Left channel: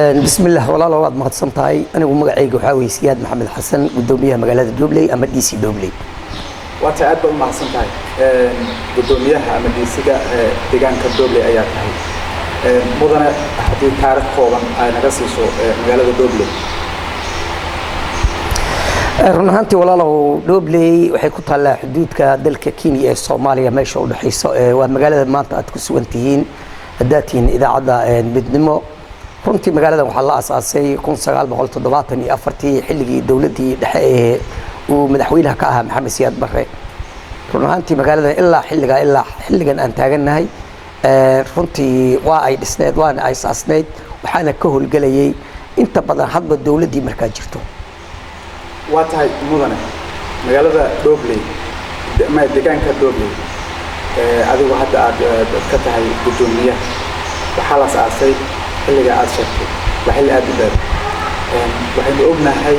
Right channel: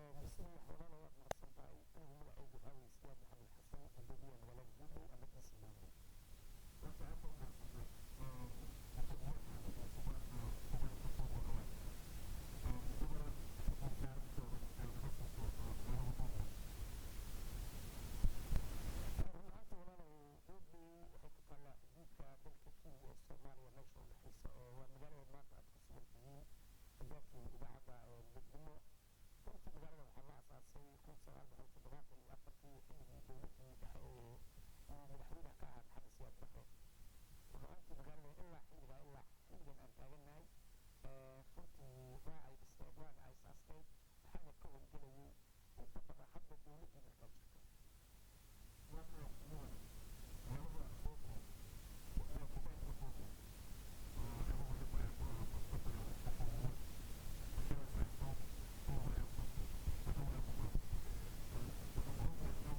بسم الله والله لو ما تصنتهاي أنا ومقعيق وحاوي سياد محمد حسن قدوميها مقالات دوبلي أما دي سي دوبلي وأنت أدبر ما تصنتهاي قدوميها أما دي سي ديجان كدوبلي أيات هاي مدن حدي تاريخ قوما أنا قصيصو مقالات دوبلي run ahaantii walaalow Dobley waxay ku taallaa xuduudka dalka Kenya ee Soomaaliya meesha u dhaxayso waa magaalada maanta aad ku sugan tihiin hadaatiin idaacada midnimo runtii magaaladan waxaa la aasaasay 1974 xilligii dawladii dhexe ee uu madaxweynaha ka ahaa Maxamed Siyaad Barre run ahaantii magaaladan ilaa xilligan aan taaganahay runtii waa ay dhisneed waana ay aasaasneed waxaana ka howlgalayay inta badan hadba dawladii markaa jirto واتهاي مدنة مقالة دوبلي ما دكان كدوبلي هذا واحد كتهاي بدونية وحالة أساسي اللي قاعد شكل وحل أدبر وحل أبنا هاي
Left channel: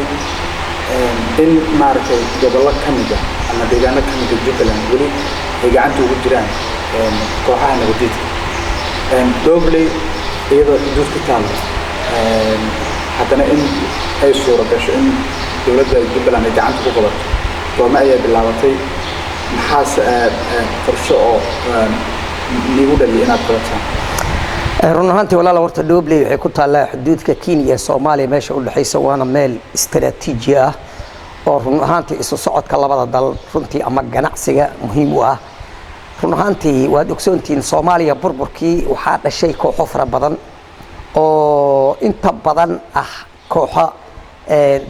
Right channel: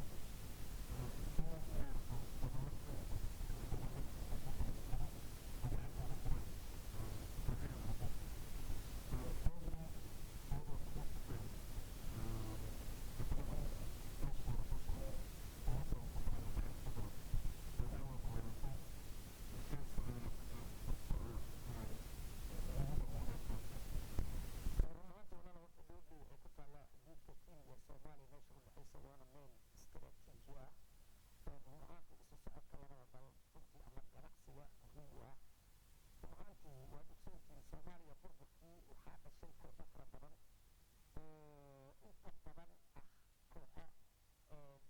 إن ماركة قبل الله كمجة أنا دكان كمجة جبلا ولي هي عنده وجران كوحنا بديت دوبلي إذا دوس كتال حتى إن أي صورة كش إن دولة جبلان إذا عنده قبض وما أي باللعبتي محاس فرشة نيودا اللي أنا قلتها. run ahaantii walaal warta Dobley waxay ku taallaa xuduudka Kenya iyo Soomaaliya meesha u dhaxaysa waana meel istiraatiiji ah oo run ahaantii isu socodka labada dal runtii ama ganacsiga muhiim u ah run ahaantii waad ogsoontiin Soomaaliya burburkii waxaa dhashay kooxo fara badan oo inta badan ah kooxo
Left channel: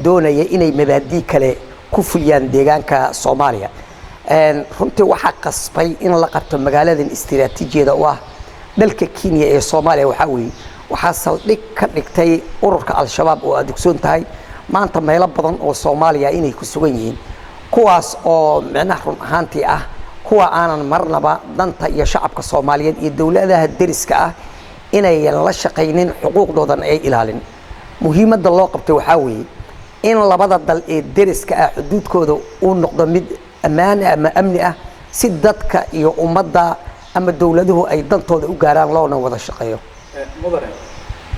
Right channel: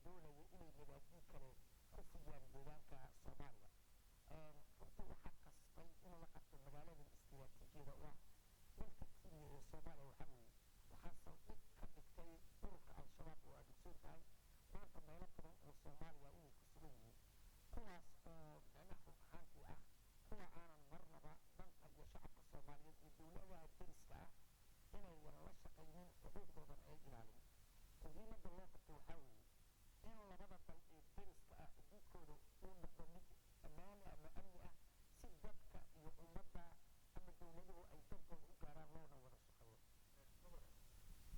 doonaya inay mabaadi kale ku fuliyaan deegaanka Soomaaliya runtii waxa qasbay in la qabto magaaladan istiraatiijiyada oo ah dalka Kenya ee Soomaaliya waxa saldhig ka dhigtay ururka al-shabaab oo aad ogsoon tahay maanta meelo badan oo Soomaaliya inay ku sugan yihiin kuwaas oo macnaha run ahaantii ah kuwa aanan marnaba danta iyo shacabka Soomaaliyeed iyo dawladaha deriska ah inay la shaqeeynin xuquuqdoodan ay ilaalin muhiimadda loo qabtay waxa weeye in labada dal ee deriska ah xuduudkooda uu noqdo mid ammaan ama amni ah si dadka iyo ummadda ama dawladuhu ay dantooda u gaaraan loona wada shaqeeyo mudane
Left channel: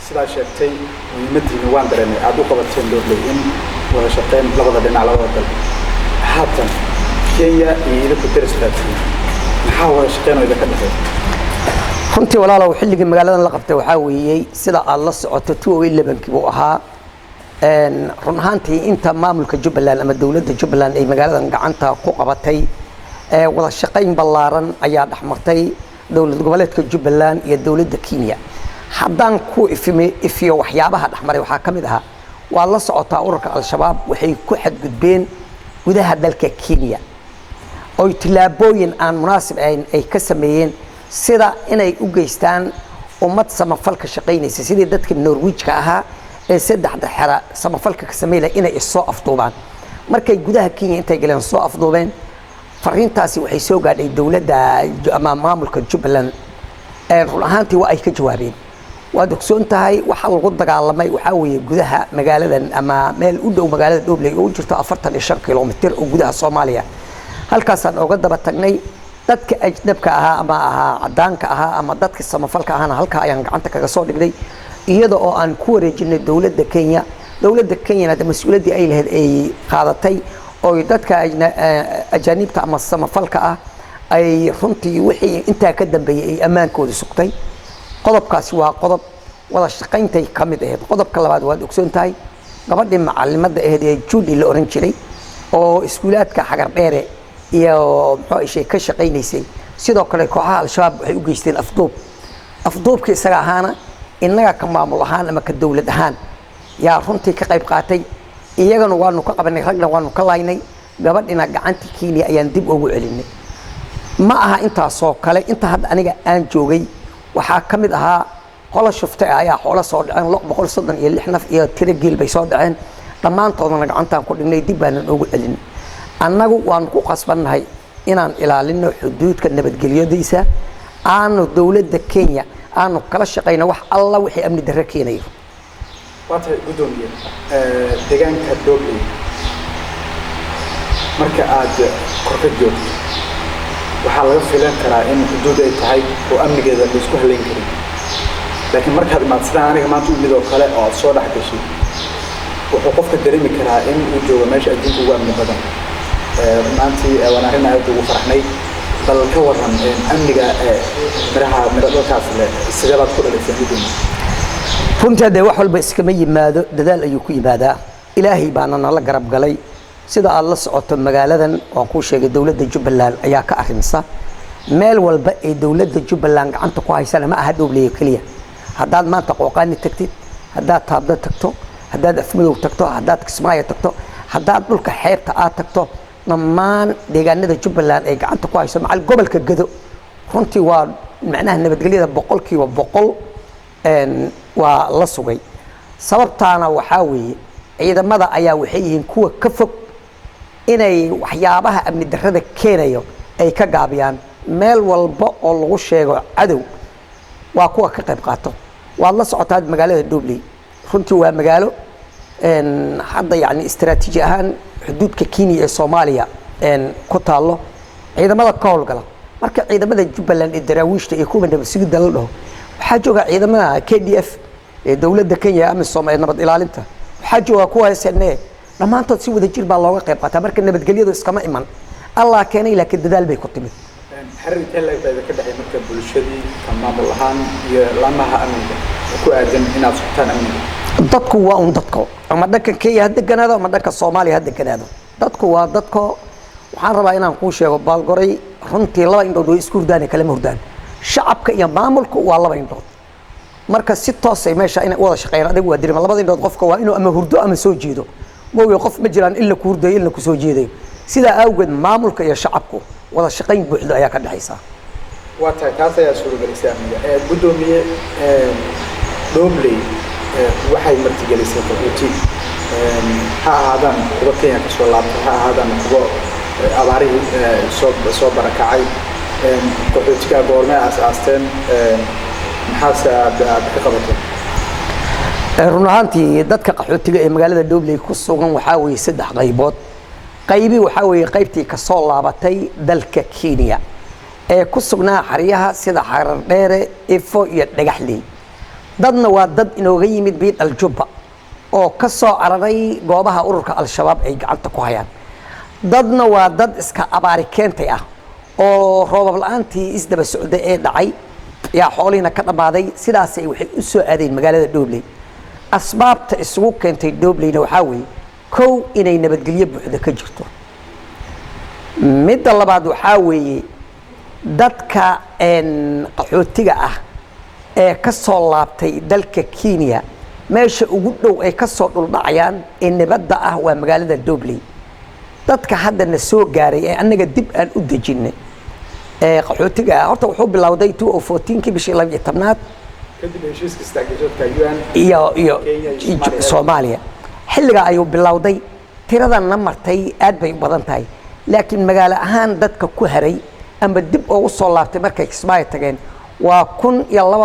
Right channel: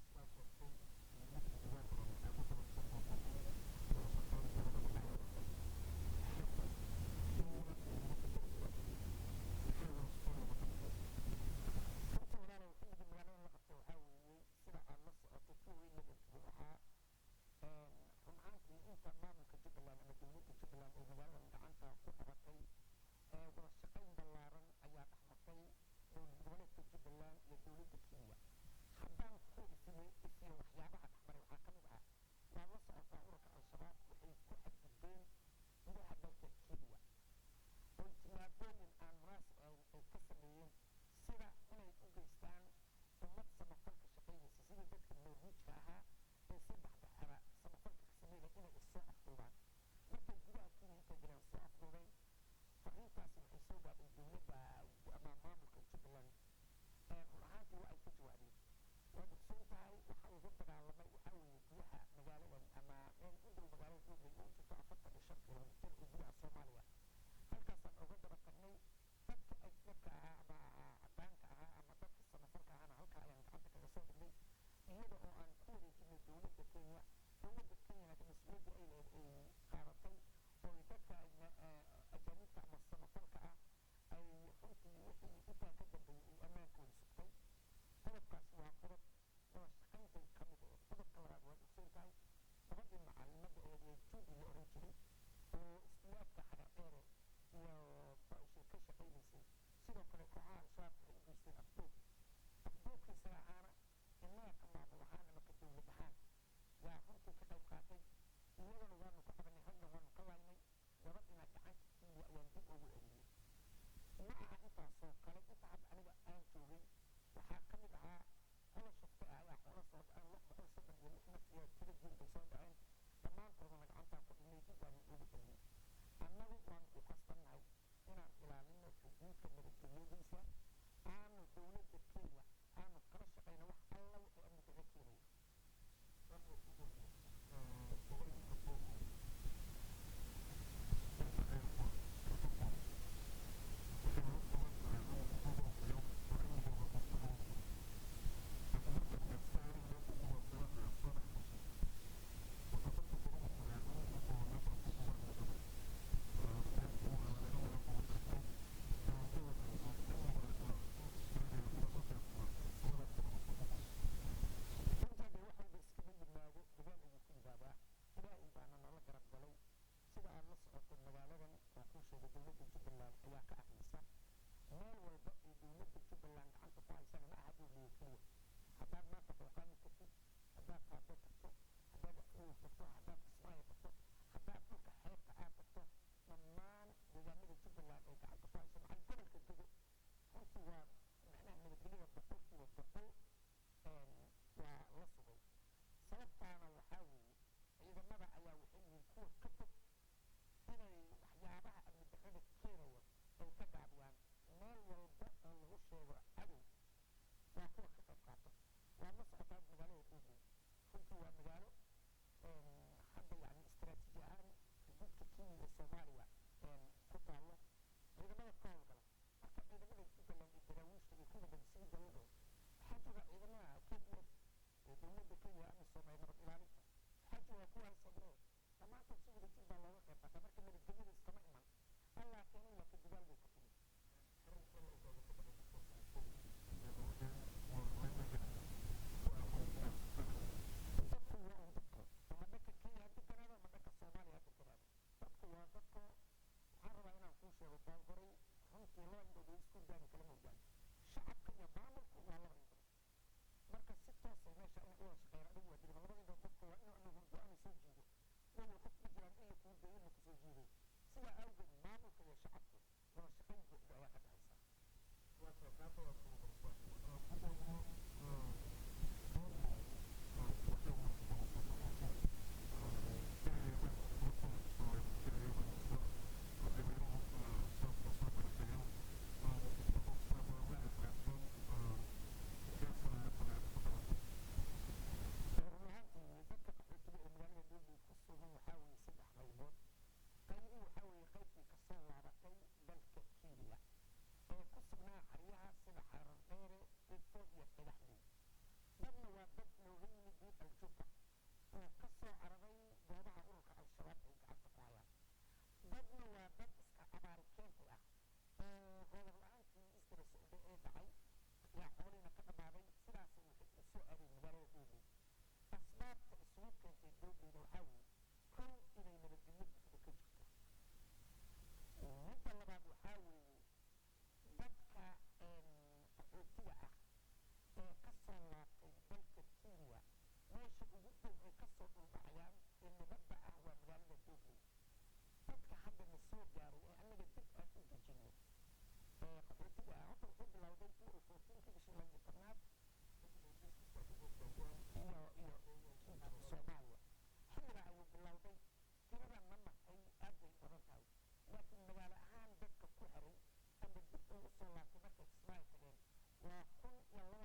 sida sheegtay muhiimaddiina waan dareemay aad u qabateen Dobley in wada shaqeyn labada dhinac labada dal haatan Kenya iyo deriska maxaa wada shaqeynayda ka dhaxay runtii walaalow xilligii magaaladan la qabtay waxa weeyay sida aad la socoto 2011 buu ahaa run ahaantii inta maamulka Jubbaland ama dawladda Jubbaland ay magaaladan gacanta ku qabatay wada shaqeyn ballaaran ayaa dhaxmartay dawlad goboleedka Jubbaland iyo dawladda Kenya haddaan ku ifiyo waxyaabaha dhaxmaray waxaa kamid ah waa la socotaa ururka al-shabaab waxay ku xadgudbeen gudaha dalka Kenya oo tilaabooyin aan munaasib ahayn ay ka sameeyeen sida inay u geystaan ummad samafalka shaqeynaysa sidii dadka Norway-ka ahaa ee saddexda xara samafalka ka sameeyay inay soo afduubaan markay gudaha Kenya intay galeen soo afduubeen fariintaasi waxay soo gaadhay dawladda ama maamulka Jubbaland run ahaantii waa ay ka jawaabeen waad ogsoon tahay waxa lagu dagaalamay waxa weeye gudaha magaaladan ama meel u dhow magaalada Dobley oo jirto 45 kilomitir oo gudaha Soomaaliya halkaas aan uga daba tagnay dadka ajnabka ahaa ama cadaanka ahaa ama dadka samafalka ahana halka ayaan gacanta kaga soo dhignay iyada oo aan ku wareejinay dawladda Kenya mas'uuliyadii ay lahayd ay qaadatay oo dadka ajaanibta ama samafalka ah ay runtii wixii inta ka dambeeyay ay amaankooda sugtay qodobkaasi waa qodob wada shaqeyntay kamid ahayd qodobka labaad waad ogsoon tahay gabadhii macallimada ahayd ee Judy la oran jiray oo iskuulaadka xagar dheere iyo muxuu ka shaqeynaysay sidoo kale kooxaha al-shabaab waxay u geysteen afduubkii isaga ahaana innaga ka maamul ahaan ama ka dawlad ahaan yaa runtii ka qayb qaatay iyagana waanu ka qabanay ragna waanu ka laynay gabadhina gacantii Kenya ayaan dib ugu celinay ma aha intaasoo kale inta hadda aniga aan joogay waxaa kamid ahaa qola shuftay ayaa xoolo soo dhaceen 136 naf iyo tiro geel bay soo dhaceen dhammaantoodna gacantaan ku dhignay dib baan ugu celinay annagu waan ku qasbannahay inaan ilaalino xuduudka nabadgelyadiisa aanu dawladda Kenya aanu kala shaqeyno wax alla wixii amni darro keenayo waata gudoomiye deegaanka Dobley marka aad korka joogto waxaa laga filan karaa in xuduud ay tahay oo amnigeeda la isku haleyn karin laakiin markaad imaad sidaan aniga maanta u midoo kale oo aad soo dhex gashay wuxuu qofka dareemi karaa in uu joogo meesha adduunka ugu amni badan maantii waan arrin aad ugu faraxnay bal ka waran amniga miro dalkaas leh sidee baad ku dhalaysay midina runtii hadee wax walba iskama yimaado dadaal ayuu ku yimaadaa ilaahay baana nala garab galay sida aad la socoto magaaladan waan kuu sheegay dowladda Jubbaland ayaa ka arrimisa meel walba ee dowladda Jubbaland gacanta ku haysana ma aha Dhobley kaliya haddaad maanta Qooqaani tagtid haddaad Taabda tagto haddaad Afmadow tagto haddaad Kismaayo tagto haddaad dhulka xeebta aad tagto dhammaan deegaanada Jubbaland ay gacanta ku hayso macal gobolka Gado runtii waa macnaha nabadgelyada 100% waa la sugay sababtaana waxaa weeye ciidamada ayaa waxay yihiin kuwa ka fog inay waxyaabaha amni darrada keenayo ay ka gaabiyaan meel walba oo lagu sheego cadow waa kuwa ka qayb qaato waad la socotaa magaalada Dhobley runtii waa magaalo hadda yani istiraatiiji ahaan xuduudka Kenya ee Soomaaliya ku taalo ciidamada ka howlgala marka ciidamada Jubbaland ee daraawiishta ee kuwa nabadgelyada la dhaho waxaa jooga ciidamada KDF ee dowladda Kenya ama Soomaaliya nabad ilaalinta waxaa jooga kuwa SNA dhamaantood si wada jir baa looga qayb qaataa marka nabadgelyadu iskama iman Allah keenay laakiin dadaal bay ku timid xiriirka la ka dhaxay marka bulshadii ka maamul ahaan iyo lamaha amniga ku aadan inaad sugtaan amniga dadku waa un dadku ama dhanka Kenya hadda ganaado ama dhanka Soomaaliya hadda ganaado dadku waa dadku waxaan rabaa inaan ku sheego baalgoray runtii laba indhood oo isku hurdaan kala murdaan shacabka iyo maamulku waa laba indhood marka si toos ah meesha inay wada shaqeeyaan adigu waa dirima labada indhood qofka waa inuu ama hurdo ama soo jeedo mooyo qof ma jiraan illa ku hurday illa ku soo jeeday sida awgeed maamulka iyo shacabku wada shaqeyn buuxda ayaa ka dhaxaysa waa taas ayaa suuragelisay amniga gudoomiye Dhobley waxay martigelisay qaxooti ha ahaadaan kuwa Kenya ka soo laabtay ha ahaadaan kuwa abaarihii soo barakacay qaxootiga goorma aasaasten maxaase aad ka qabatay run ahaantii dadka qaxootiga ee magaalada Dhobley ku sugan waxaa weeye saddex qaybood qaybi waxaa weeye qaybtii ka soo laabatay dalka Kenya ee ku sugnaa xariyaha sida Xarar Dheere Ifo iyo Dhagaxley dadna waa dad inooga yimid Biidal Jubba oo ka soo cararay goobaha ururka Al-Shabaab ay gacanta ku hayaan dadna waa dad iska abaari keentay ah oo roobab la'aantii isdaba socday ee dhacay yaa xoolihiina ka dhamaaday sidaas ay waxay u soo aadeen magaalada Dhobley asbaabta isugu keentay Dhobleyna waxaa weeye kow inay nabadgelyo buuxda ka jirto midda labaad waxaa weeye dadka qaxootiga ah ee ka soo laabtay dalka Kenya meesha ugu dhow ay ka soo dhuldhacayaan ee nabadda ah waa magaalada Dhobley dadka hadda na soo gaaray ee anaga dib aan u dejinay qaxootiga horta wuxuu bilowday 2014 bishii 12aad kadib heshiiska istaageerka UN iyo Soomaaliya xilliga ayuu bilowday tiradan martay aad bay badan tahay laakiin magaalo ahaan dadka ku haray ama dib ugu soo laabtay markay Kismaayo tageen waa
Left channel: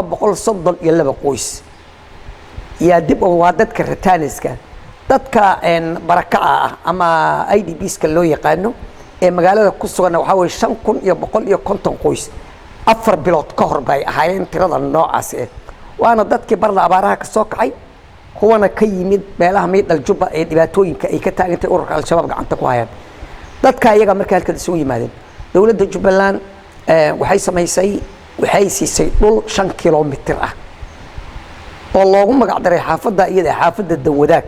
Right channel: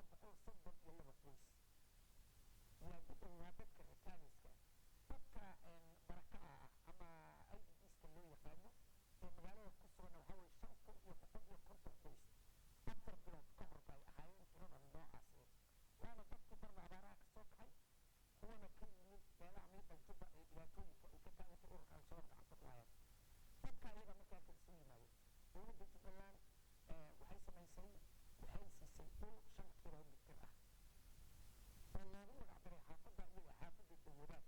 1232 qoys yaa dib waa dadka retaaniska dadka barakaca ah ama IDPska loo yaqaano ee magaalada ku sugan waxa way 5150 qoys 4 bilood ka hor bay ahaayeen tirada noocaas ah waana dadkii barna abaaraha ka soo kacay kuwana ka yimid meelaha Biidal Jubba ee dhibaatooyinka ay ka taagantay ururka Al-Shabaab gacanta ku hayaan dadka iyaga markay halka soo yimaadeen dowladda Jubbaland waxay siisay dhul 5 kiiloomitir ah oo loogu magac daray xaafadda iyada xaafadda Danwadaag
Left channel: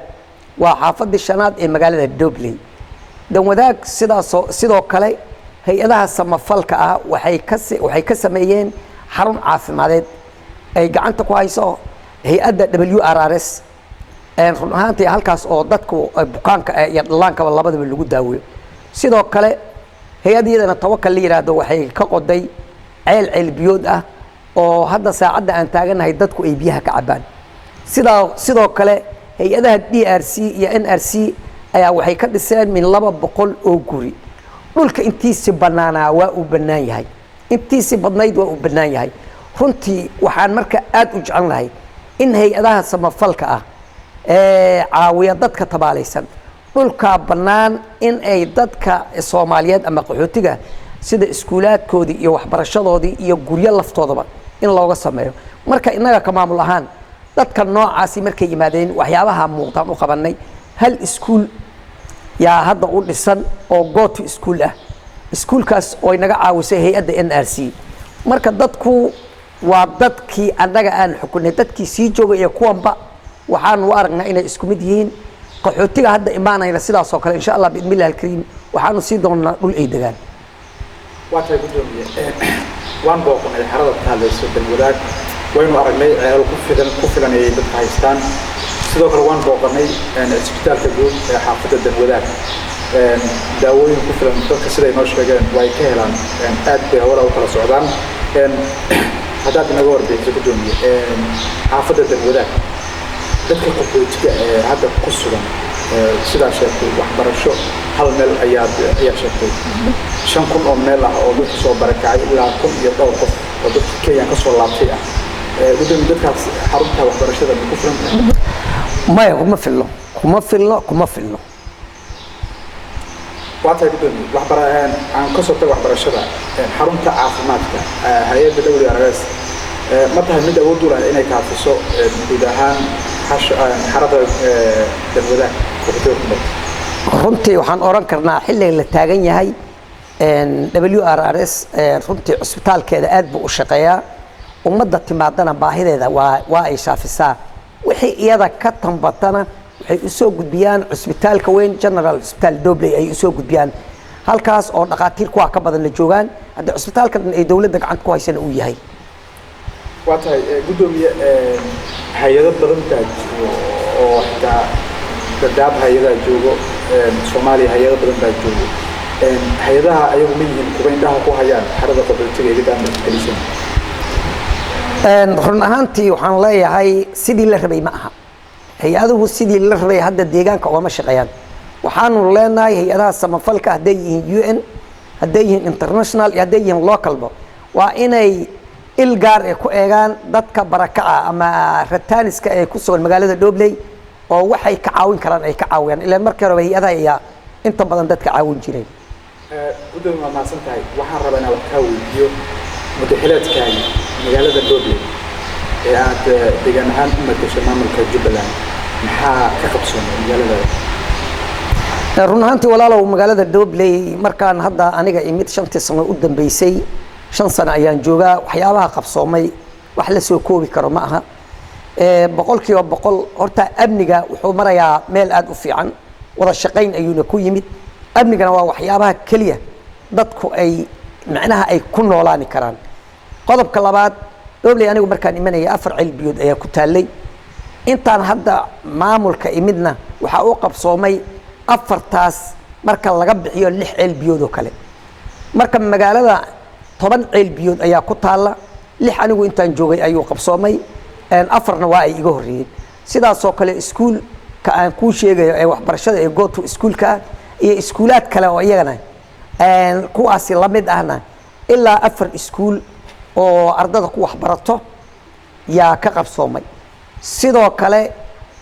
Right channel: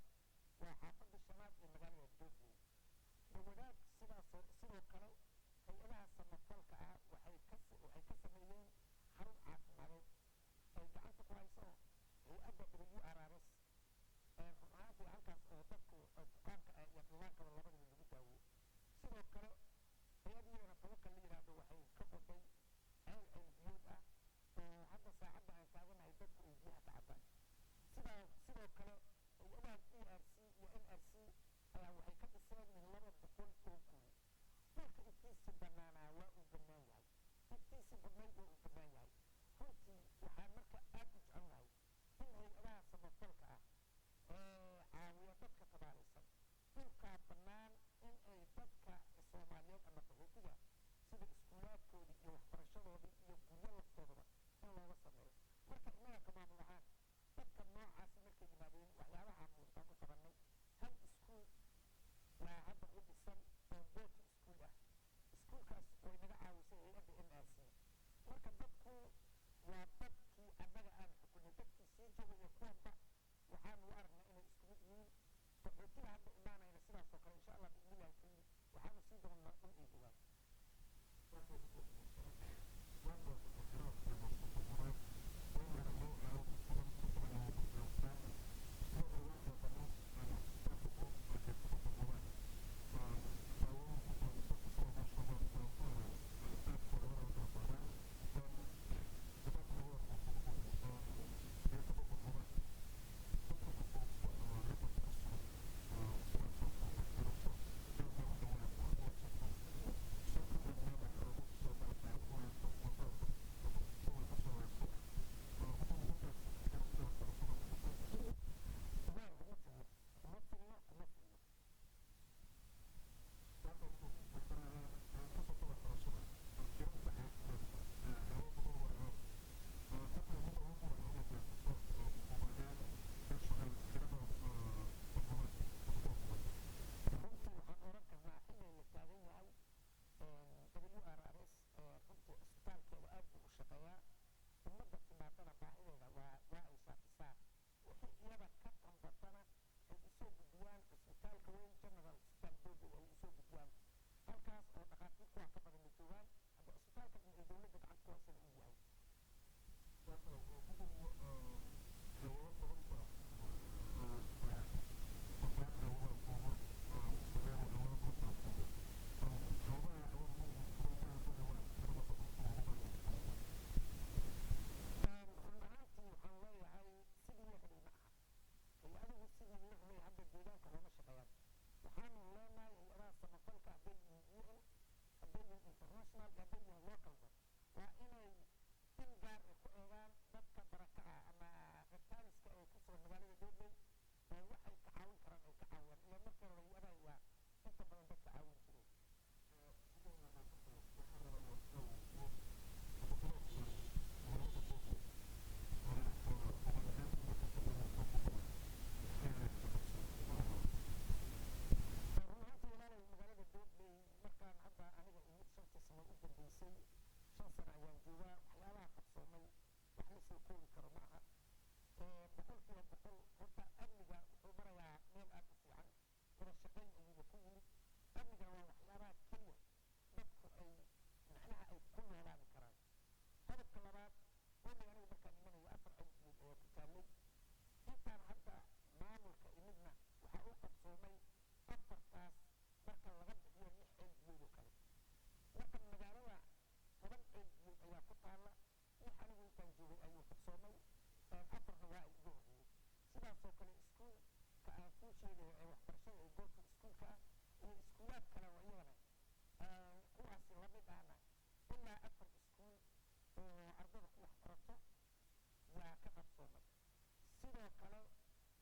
waa xaafadda shanaad ee magaalada Dhobley Danwadaag sidoo kale hay'adaha samafalka ah waxay ka sameeyeen xarun caafimadeed ay gacanta ku hayso hay'adda WRRS run ahaantii halkaas oo dadku bukaanka iyo dhallaanka labadaba lagu daaweeyo sidoo kale hay'adiyadana tawakkal la yiraahdo waxay ka qoday ceel biyood ah oo hadda saacadda aan taaganahay dadku ay biyaha ka cabaan sidoo kale hay'adaha DRC iyo NRC ayaa waxay ka dhiseen min 200 oo guri dhulka intiisa banaanaa waa u banaan yahay intiisa badnayd waa u banaan yahay runtii waxaan marka aad u jecelnahay in hay'adaha samafalka ah caawiya dadka tabaalaysan dhulka banaan in ay dadka Soomaaliyeed ama qaxootiga sida iskuulaadkoodii iyo waxbarashadoodii iyo guryo laftoodaba in looga sameeyo marka innaga ka maamul ahaan dadka noocaasi markay yimaadeen waxyaabaha muuqdaan u qabanay hal iskuul yaa hadda u dhisan oo go to school ah iskuulkaas oo inaga caawisay hay-adda NRC marka dadku waa dadkii annaga aan xukunay dadkii sii joogay iyo kuwanba waxaan u aragnaa inay isku mid yihiin qaxootiga hadda imaanayna sidaas oo kale insha Allah biidmillahi alkariim waxaanu sii doonaa dhul ay degaan waatay gudoomiye waan booqnay xarada taaleyso dalwadaag waynu aragnay ceel ku filan ay dadka haystaan sidoo kale waan booqnay isbitaalka guud ee xaafadda dalwadaag daawooyin ku filan dadka siday noo sheegeen way ka helaan aad bay hawla u kala socdaan haddaad inaga warbixisa gudoomiye xaafadda dalwadaag dadka qaxootiga ee hadda ku sugan sidaa sheegtay waxbarasho hal meel ayaa sheegtay 5,000 oo meel ah oo dadka soo barakacay ilaa 1,000 iyo dhowr qof oo dadka Kenya ka soo laabtay ah gudoomiye dadkaas xarunta waxbarashada ku filan maya kuma filno waatay gudoomiye aan ka soo tagay waxbarashada xarunta caafimaadka hay'adda WRS ma tahay mid awood u leh inay kaafiso guud ahaan xarada dalwadaag runtii waxaan oran karnaa xilliga la taagan yahay WRS runtii cusbitaalkeeda aad buu u shaqeeyaa ummadda timaadana baahideeda waa ay shaafisaa wixii iyada ka tambatana waxay u soo gudbiyaan cusbitaalka weyn General Hospital Dobley ay u soo gudbiyaan halkaas oo dhaqaatiir kuwa ka badan la joogaan hadda cusbitaalka ay dawladda gacanta ku haysana uu yahay waatahay gudoomiye hay'ado badan baa jiro oo xitaa dadaab hay'adaha joogo Soomaaliya hay'ado badan baa joogo hay'adaha ayagu ma yihiin kuwa indhaha ku hayaan xarada qaxootiga ee deegaanka kalisan run ahaantii waxaan leeyahay sidii la rabay ma aha hay-aduhu sidii la rabay hadda deegaanka ooma shaqeeyaan waxaanu leenahay hay-adaha samafalka hadday yihiin UN hadday yihiin international iyo hadday yihiin localba waa inay il gaar ay ku eegaan dadka barakaca ama rataaniska ee ku sugan magaalada Dobley oo waxay ka caawin karaan ay ka caawiyaan ilaa markii hore hay-adaha ayaa inta badan dadka caawin jiray gudoomiye ma maasan tahay waxaan rabaa inaan wax ka weydiiyo madaxweynaha magaalada Dobley ee aad deegaan ahaan u matashay maamulka Jubbaland maxaa ka qabsoomay magaalada run ahaantii walaalow magaalada Dobley markaan hadda aniga imid 5 sano u dambeysay 5 sano ayaan joogaa waxyaabaha qabsoomay wax la soo koobi karo ma aha boqolkiiba boqol horta amniga wuxuu marayaa meel aad u fiican wada shaqayn ayuuna ku yimid amnigana waa waxyaabaha kaliya dadku ay macnaha ay ku noolaani karaan qodobka labaad Dobley anigu markaan imanaya 4 ceel biyood ayaa ku taalay intaan hadda maamulka imidna waxa uu qabsoomay 4taas marka laga bixiyo 6 ceel biyood oo kale marka magaalada 10 ceel biyood ayaa ku taala 6 anigu intaan joogay ayuu qabsoomay 4na waa ay iga horeeyeen sidaas oo kale iskuul ka aan ku sheegayo ee waxbarashada ee go to schoolka iyo iskuulaad kale oo iyagana kuwaasi la mid ahna ilaa 4 iskuul oo ardada ku waxbarato yaa ka qabsoomay sidoo kale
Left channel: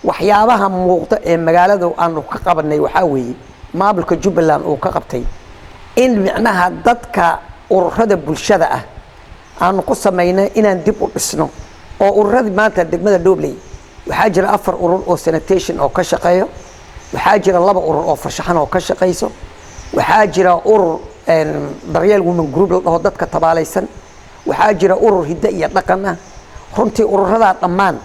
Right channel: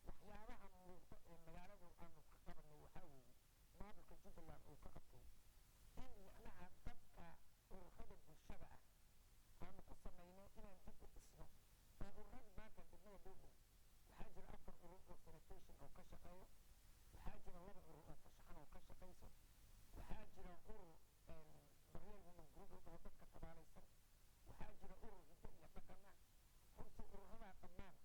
waxyaabaha muuqda ee magaalada aanu ka qabanay waxaa weeye maamulka Jubbaland uu ka qabtay in micnaha dadka ururada bulshada ah aanu ku sameynay inaan dib u dhisno oo ururada maanta degmada Dobley waxaa jira 4 urur oo sanitation oo ka shaqeeyo waxaa jira 2 urur oo farshaxan oo ka shaqeyso waxaa jira urur daryeel women group oo dadka tabaalaysan waxaa jira urur hidda iyo dhaqan ah runtii ururada dhammaan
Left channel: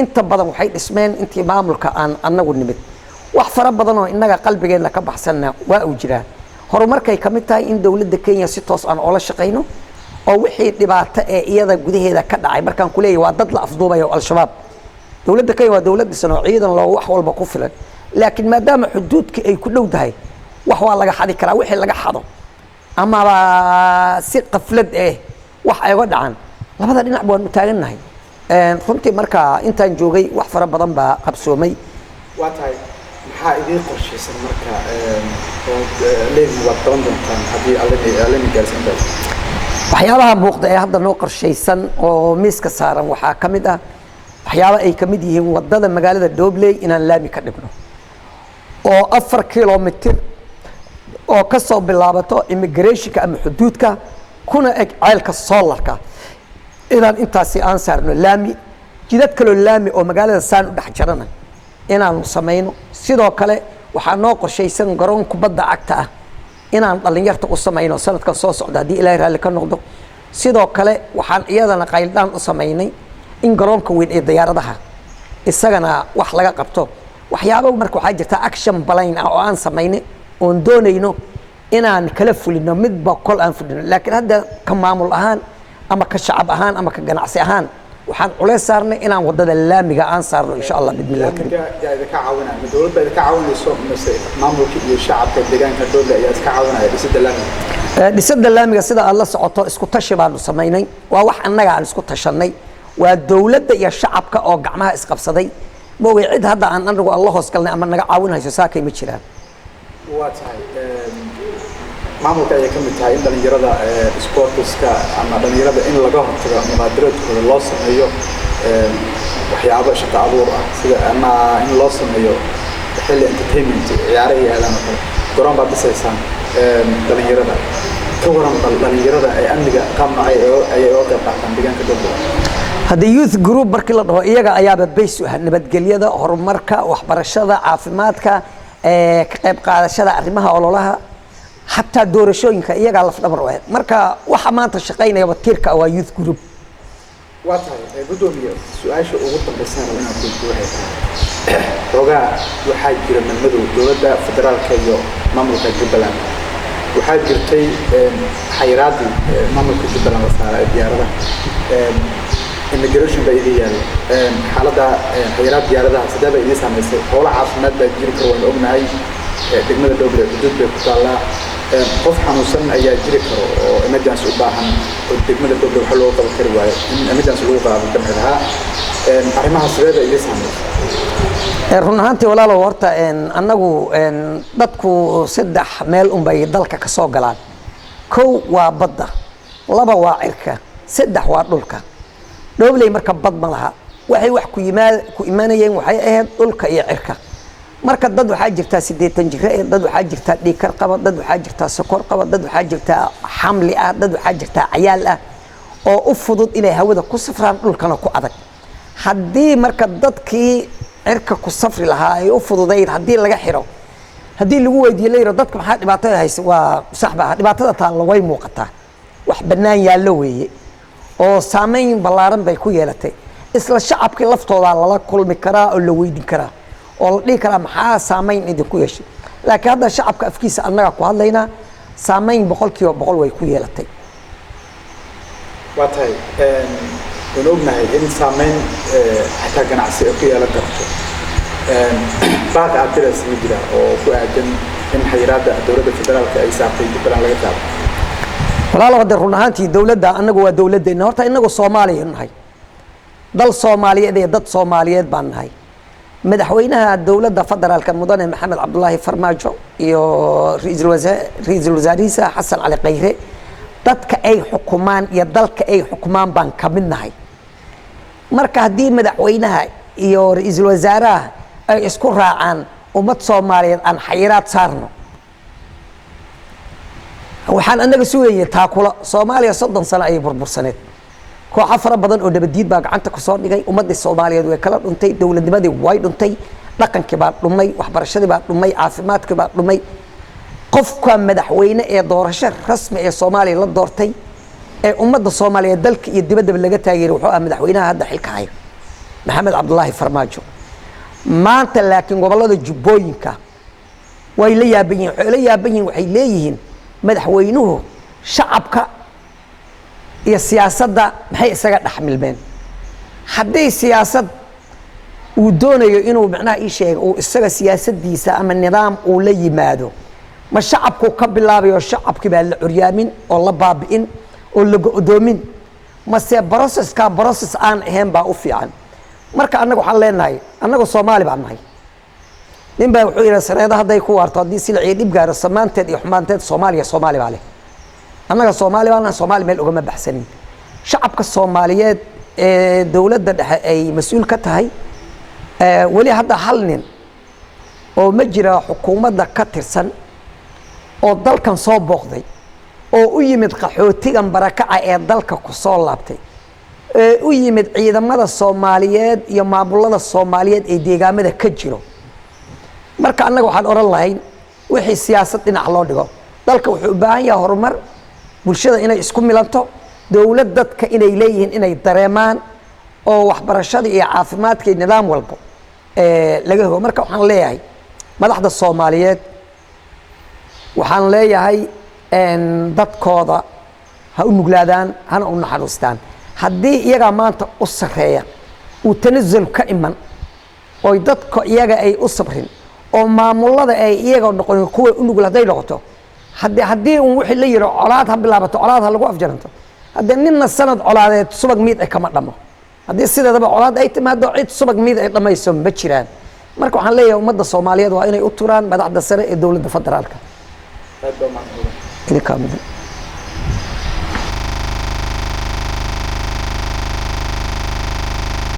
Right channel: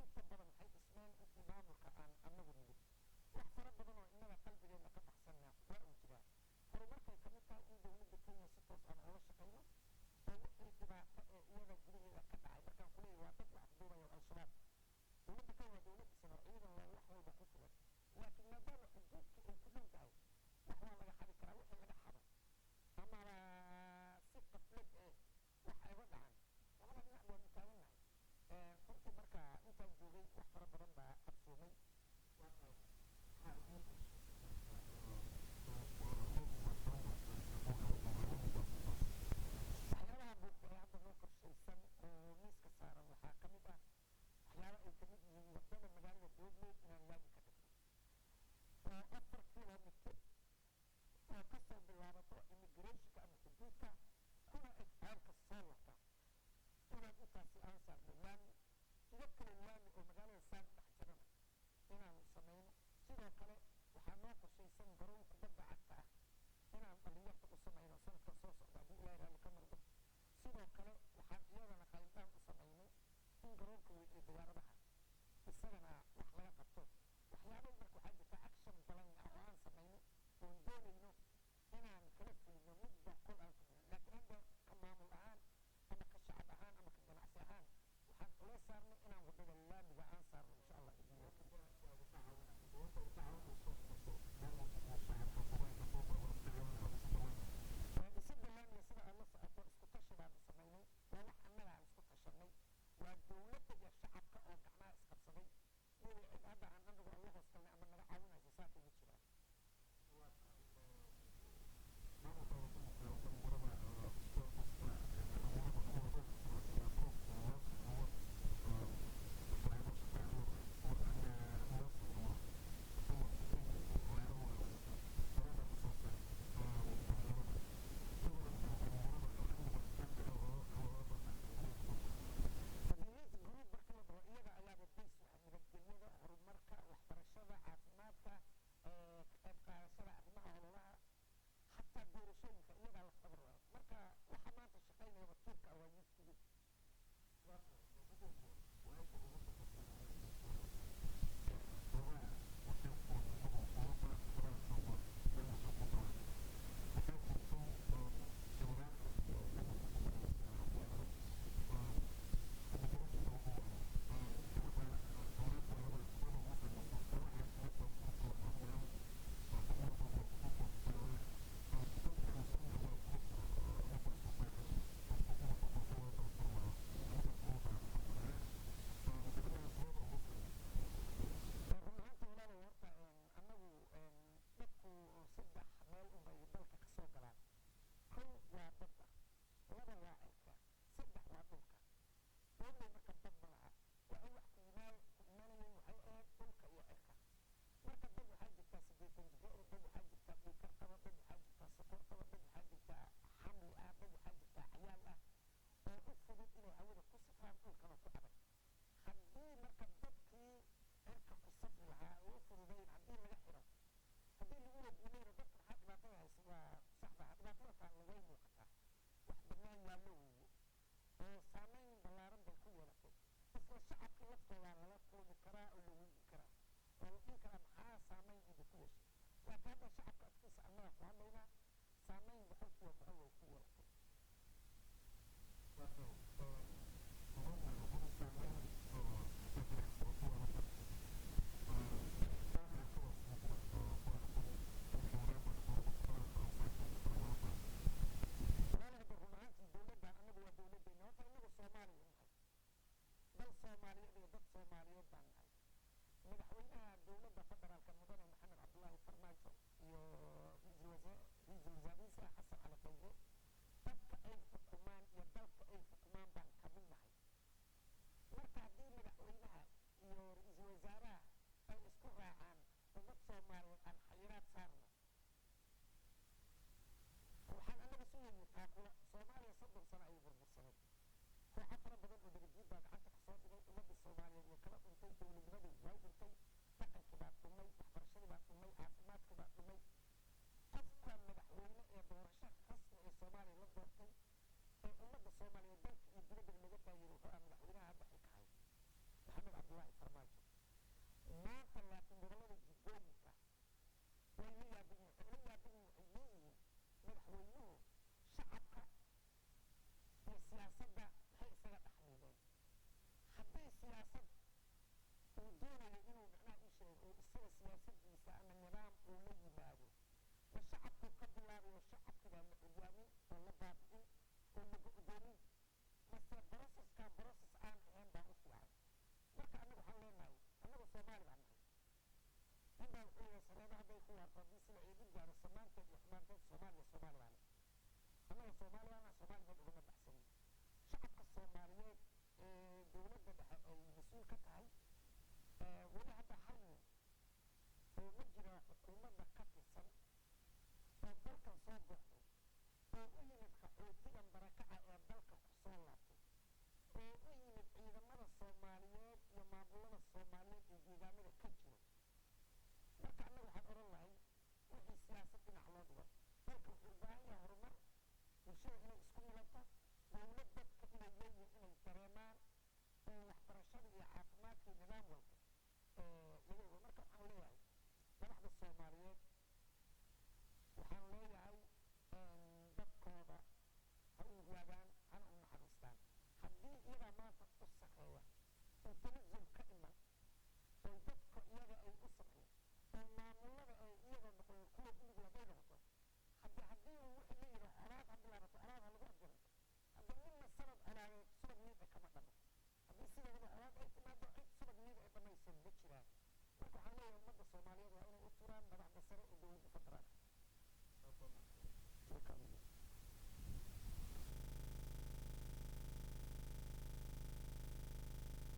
inta badan waxay dhismeen intii maamulka aan anagu nimid wax fara badan oo inaga qalbigeena ka baxsanna waa uu jiraa horumarkay kamid tahay in dawladda Kenya si toos aan oo la shaqeyno oo wixii dhibaato ee iyada gudaheeda ka dhacay markaan ku leeyahay waa dad la afduubay oo al-shabaab dawladda Kenya waa dawlad dhisan oo ciidan loo wax walba ku filan laakiin maadaama xuduudka ay ku dhow tahay wax waa laga xadi karaa wixii laga xado ama si qaflad wax ay uga dhacaan labada dhinac baan u taaganahay runtii marka intaan joogay wax fara badan baa qabsoomay waa tahay maxaa idin qorshaysan marka leeyahay waad qaban doontaan haddii alle gaarsiin tahay waxyaabaha muuqda ee hadda noo qorshaysan oo miiska saaran waxaa ka mid ah waxyaabo ay ka mid yihiin wadada magaalada Dobley inaan laami ka dhigno oo 4 kilomitir oo ka soo bilaabato immigrationka ama xuduudka kuna eg ceelka solarka inaan intaasi aan saarno laami jidad kaloo laami oo magaalada saan u dhex jarana inaanu samayno sidoo kale waxaa noo qorshaysan garoon kubadda cagta ah inaan dhallinyarta u samayno sanadkan soo socda haddii ilaahay raalli ka noqdo sidoo kale waxaan iyadana qayldhaan u samaynay in garoonka weyn ee diyaaradaha isagana wax laga qabto waxyaabo marka waxaa jirta action plan ah oo aan samaynay oon doonayno inaan kala fulino midba kol aan fulino laakiin hadda ka maamul ahaan ama ka shacab ahaan ama ka ganacsi ahaan waxaan culays saarnay inaan wadada laamiga aan saarno insha Allah bidmillah karim yaa idinka caawinaya dowladda idinka caawinayso mise maamulka iyo shacabka deegaanka dowladda ayaa iska caawinaya dhisidda laamiga dhisidda laamiga sida aad la socoto isku tashi baanu samaynay waa wax annaga aan isku tashanay waa dowladda iyo shacabka oo gacmaha isqabsaday moogay cid hadda aan anagu alla hoos galnay ama naga caawinayso saakay ma jiraan waa tahay maamulka ayay ka mid tahay in dhalinyarada sportiska ama dhalinyarada in laga hortago mubaadaraadkooda loo sameeyo waxyaabo shaqo abuur ah sida ama in loo sameeyo xilli entertainment ciyaaro iyo aadan oo kale garoon baad dhisaysaan dhalinyarada ka waran dhalinyarada ay amniga qaabna ayay uga qayb qaataan deegaanka dowladda haddii youth group markii la dhaho iyaga ayaaba bays u ah nabadgelyada horumarka waxbarashada caafimaadka ka qayb qaadashada arrimaha ololaha حتى دورشون كأيجا على فدبر واحد مركا وحمانت شقينا يبتيرك أو youth group. واضح بدون سؤال شو أقول بس أنا وأنا أقول واحد رجع وحاجر من مدو دولة فدرال كيو مملكة جبلان وحاجر تي حيراتي مملكة جبلان وصار ديارة immigration بيدي حالة حيرات ديارة سدابة إذا سامس هو عاصمة بيجري كروان أمناي دقمة الدولة حدود بكتالا qof xanuunsan ayaa jiri karo oo emergency u baahan oo degmada dowladda waxa loo qaban kari waayo in emergency lagu qaado dambeedha arrimaha sideeda ay saameysaa run ahaantii walaalo horta annagu dadku saddex meel un bay dalka ka soo galaan kow waa badda laba waa cirka saddex waa dhulka dowlay marka bad ma laha waxay wax ku imaanayeen waxay ahayd dhulka iyo cirka marka dad waxaa jirtaa 80 jir dad waxaa jirtaa dhiikar qaba dad waxaa jirtaa sokor qaba dad waxaa jirtaa xamli ah dad waxaa jirtaa ciyaal ah oo u fudud inay hawada ku safraan dhulkana ku adag haddii marka dadkii cirka ku safri lahaa ay u fududayd haddii laga xiro haddii lagu weydiiyo leeyahay dadka maxaa dhibaatada haysa waa saxba dhibaatada taan la way muuqataa wax banaan yaallo weeye oo saameyn ballaaran bay ku yeelatay isla shacabkii laftooda lala kulmi karaa oo la weydiin karaa oo la dhihi karaa maxaa saameyn idinku yeeshay laakiin hadda shacabka afkiisa annaga ku hadlaynaa saameyn 100% way ku yeelatay waa tahay waan ognahay in saameyn xataa ganacsi ay ku yeelan karto baaqa adres ma jira oo ku aadan in xayiraadda dowladda federaalka ay saartay jubbaland laga taabo walaalo hadda run ahaantii dowladda annagu waa dowladdeena horta inagu Soomaaliya nahay dal Soomaaliyeed iyo dad Soomaaliyeed baan nahay madaxweynaha dowladda federaalka mudane maxamed cabdullaahi farmaajo iyo ra'iisul wasaarihiisa xasan cali khayre dadka ay xukumaan iyo dalka ay xukumaan baan ka mid nahay marka haddii madaxweynaha iyo ra'iisul wasaaraha ay isku raacaan ummad Soomaaliyeed aan xayiraad saarno waxaan annaga sugayay taakula Soomaaliya 30 sano ay burbursaneed koox afar badan oo dabadiid baa gacanta ku soo dhigay ummadda Soomaaliyeed way kala dhuntay dawladnimadii way dhuntay dhaqankii baa dhumay waxbarashadii baa dhumay caafimaadkii baa dhumay qofka madaxweyne ee doorasho rasmi ee Soomaaliya la doortay ee ummadda Soomaaliyeed dalka iyo dibadda laga taageeray wuxuu ahaa madaxweynaha hadda xilka haya maxamed cabdullaahi farmaajo maanta laakiin gobolada jubbooyinka way la yaaban yihiin waxay leeyihiin madaxweynuhu shacabka iyo siyaasadda maxay isaga dhaxmilmeen haddii siyaasad uu doonayo inuu macnaha ii sheego uu isaga siyaasadiisa ama nidaam uu la yimaado ma shacabku ka bilaabayo shacabkii baa la curyaamin oo la baabi'in oo la go'doomin mase process aan ahayn baa u fiican marka annagu waxaan leenahay annagu Soomaali baan nahay nin baa wuxuu yiri sareeda hadday ku waarto haddii si la ciidib gaaro samaanteed iyo xumaanteed Soomaali baa leh annaga Soomaali baan Soomaali meel uga ma baxsanin shacabka Soomaaliyeed ee dawladda dhexe ay mas'uul ka tahay wali hadda hal nin oo ma jira xukuumadda ka tirsan oo dalkan soo booqday oo u yimid qaxootigan barakaca ee dalka ku soo laabtay u yimid ciidamada Soomaaliyeed iyo maamulada Soomaaliyeed ee deegaamada ka jiro marka annaga waxaan oran lahayn wixii siyaasad dhinac loo dhigo dalka wuxuu u baahan yahay horumar bulshada inay isku milanto dawlad dadka inay leeyihiin inay dareemaan oo waxbarashada iyo caafimaadka iyo nidaam walba laga helo marka waxaan leeyahay madaxda Soomaaliyeed waxaan leeyahay dadkooda ha u nuglaadaan hana u naxariistaan haddii iyaga maanta u sareeya uu tanazul ka iman oo dadka iyaga ay u sabrin oo maamulada ay iyaga noqon kuwa u nugul haday noqoto haddii uu wixii la yiro colaad ha bilaabato colaad ha lagu afjaranto haddii ninna sanad colaadeed subag miid ay kama dhamo haddii sideedaba colaad ay timaado cid subag miid ay dhamayso ma jiraan marka waxaan leeyahay ummadda Soomaaliyeed waa inay u turaan madaxda sare ee dawladda federaalka.